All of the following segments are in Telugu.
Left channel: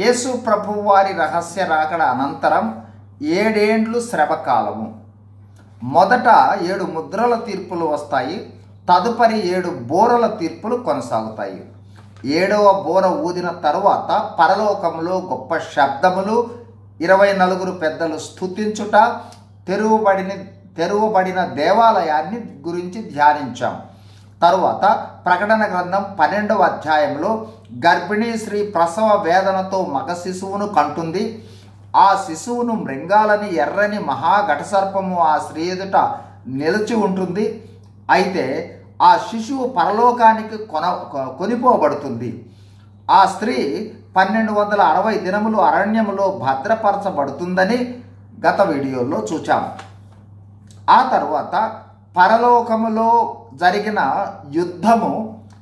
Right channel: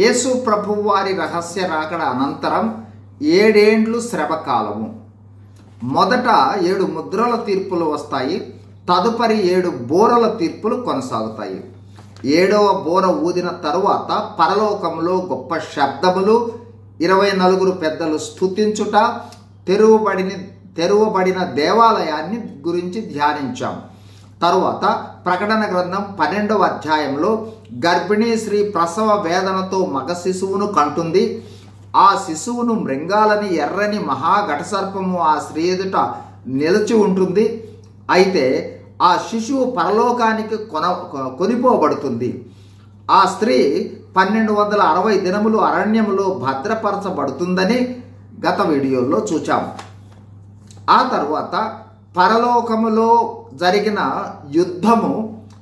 యేసు ప్రభువు వారి రహస్య రాకడ అనంతరం 7 ఏండ్లు శ్రమకాలము. మొదట 7 ముద్రల తీర్పులు వస్తాయి. తదుపరి 7 బోరల తీర్పులు కొనసాగుతాయి. 7వ బోర ఊదిన తరువాత పరలోకంలో గొప్ప శబ్దములు, 24 పెద్దలు స్తుతించుట, తెరువబడిన దేవాలయాన్ని గురించి ధ్యానించాం. తరువాత ప్రకటన గ్రంథం 12వ అధ్యాయంలో గర్భిణీ స్త్రీ ప్రసవ వేదనతో మగ శిశువును కంటుంది. ఆ శిశువును మృంగాలని ఎర్రని మహాఘటసర్పము ఆ స్త్రీ ఎదుట నిలిచి ఉంటుంది. అయితే ఆ శిశువు పరలోకానికి కొనిపోబడుతుంది. ఆ స్త్రీ 1260 దినములు అరణ్యములో భద్రపరచబడుతుందని గత వీడియోలో చూచాం. ఆ తరువాత పరలోకములో జరిగిన యుద్ధము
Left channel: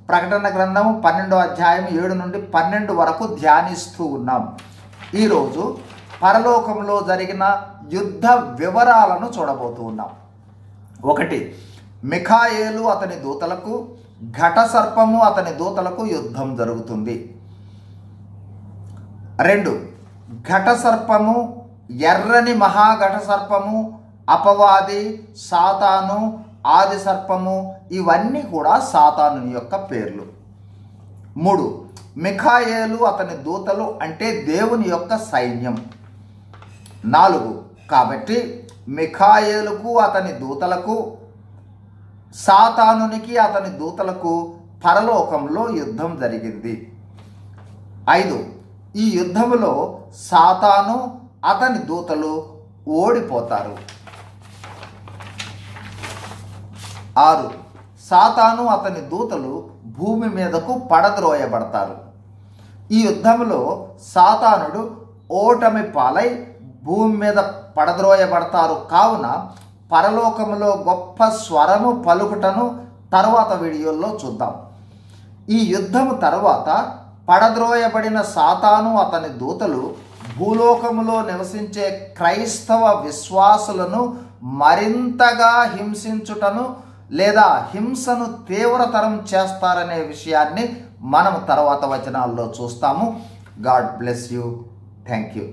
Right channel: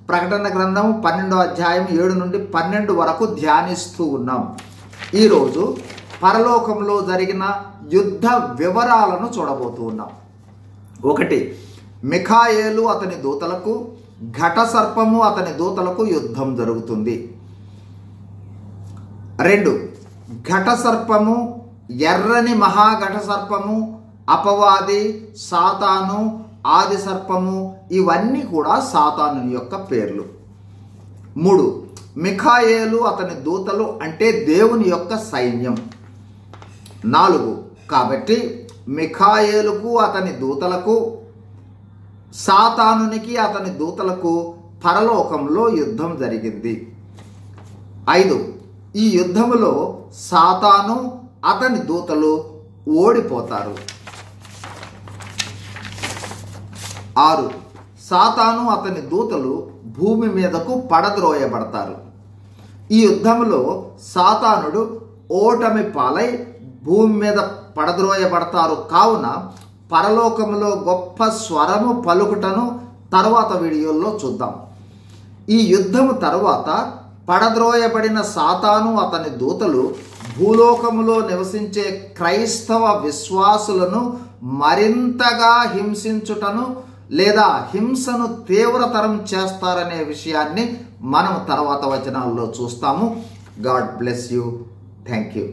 ప్రకటన గ్రంథము 12వ అధ్యాయం 7 నుండి 12 వరకు ధ్యానిస్తూ ఉన్నాం. ఈరోజు పరలోకంలో జరిగిన యుద్ధ వివరాలను చూడబోతూ ఉన్నాం. 1. మిఖాయేలు అతని దూతలకు, ఘటసర్పము అతని దూతలకు యుద్ధం జరుగుతుంది. 2. ఘటసర్పము, ఎర్రని మహాఘటసర్పము, అపవాది, సాతాను, ఆది సర్పము ఇవన్నీ కూడా సాతాను యొక్క పేర్లు. 3. మిఖాయేలు అతని దూతలు అంటే దేవుని యొక్క సైన్యం. 4. కాబట్టి మిఖాయేలుకు అతని దూతలకు, సాతానునికి అతని దూతలకు పరలోకంలో యుద్ధం జరిగింది. 5. ఈ యుద్ధములో సాతాను అతని దూతలు ఓడిపోతారు. 6. సాతాను అతని దూతలు భూమి మీదకు పడద్రోయబడతారు. ఈ యుద్ధంలో సాతానుడు ఓటమి పాలై భూమి మీద పడద్రోయబడతారు. కావున పరలోకములో గొప్ప స్వరము పలుకుటను తర్వాత వీడియోలో చూద్దాం. ఈ యుద్ధము తర్వాత పడద్రోయబడిన సాతాను అతని దూతలు భూలోకములో నివసించే క్రైస్తవ విశ్వాసులను మరింతగా హింసించుటను లేదా హింసను తీవ్రతరం చేస్తారనే విషయాన్ని మనం తర్వాత వచనాల్లో చూస్తాము. God bless you. Thank you.